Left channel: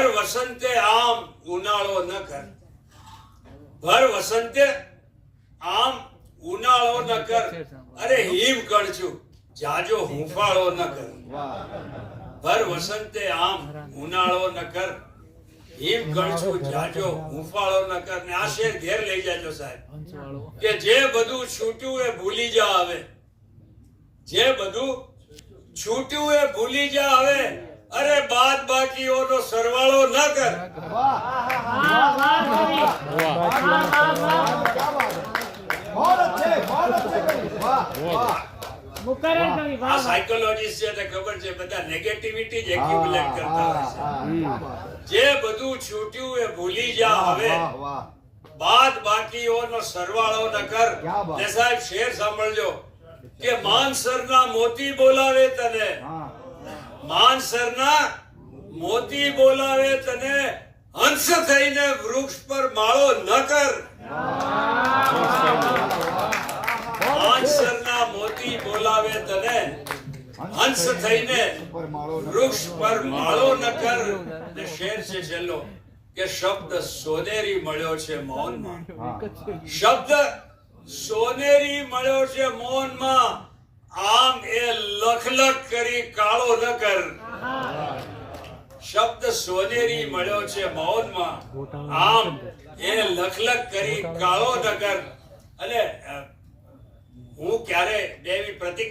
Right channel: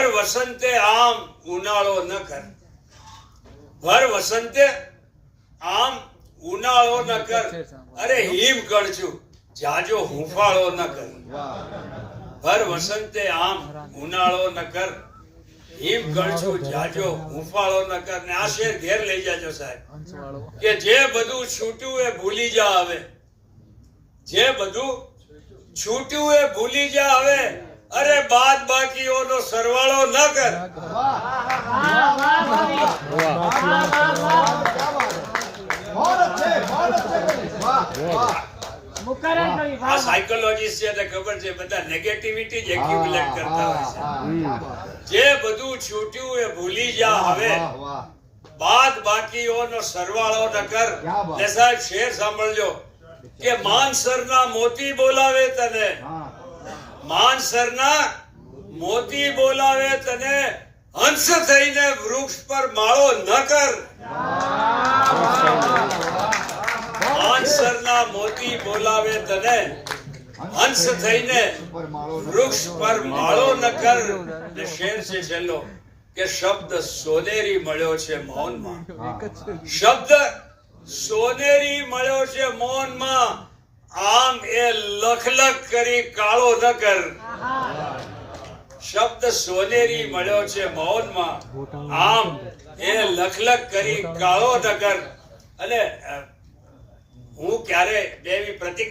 ભર વસંતે આમ ઉનાળો ન કર, ભર વસંતે આમ ઉનાળો ન કર, અરે હિમ કણછું જાજો હુંફાળો ન કર. ભર વસંતે આમ ઉનાળો ન કર, હિમ કણછું જાજો હુંફાળો ન કર. ને આ શેર ઘેર લઈ જાજો સાહેબ, કે જે બધું છૂટ્યું એ ભૂલી જા હવે, જે બધું છૂટ્યું એ ભૂલી જા હવે, અરે બાદ બાકીઓનો સરવાળો ન કર. આ સાયકોલોજીસ્ટ છે એટલે ખબર છે, બધા નેગેટિવિટી જ એક્યુમ્યુલેટ કરતા હોય છે. જે બધું છૂટ્યું એ ભૂલી જા હવે, બાદ બાકીઓનો સરવાળો ન કર. ને સાહેબ શેર સાંભળજો, કે માનસરના મોતી બોલાવે તને, માનસરના મોતી બોલાવે તને, હંસ થઈને વૃક્ષ પર માળો ન કર. માનસરના મોતી બોલાવે તને, હંસ થઈને વૃક્ષ પર માળો ન કર. ને શેર છે છેલ્લો, કે શબ્દ સોનેરી મળ્યો છે મૌનમાં, શબ્દ સોનેરી મળ્યો છે મૌનમાં, આમ એ લખલખ કરી કાળો ન કર. શબ્દ સોનેરી મળ્યો છે મૌનમાં, આમ એ લખલખ કરી કાળો ન કર. અને હું ક્યારે દેવી પ્રતિક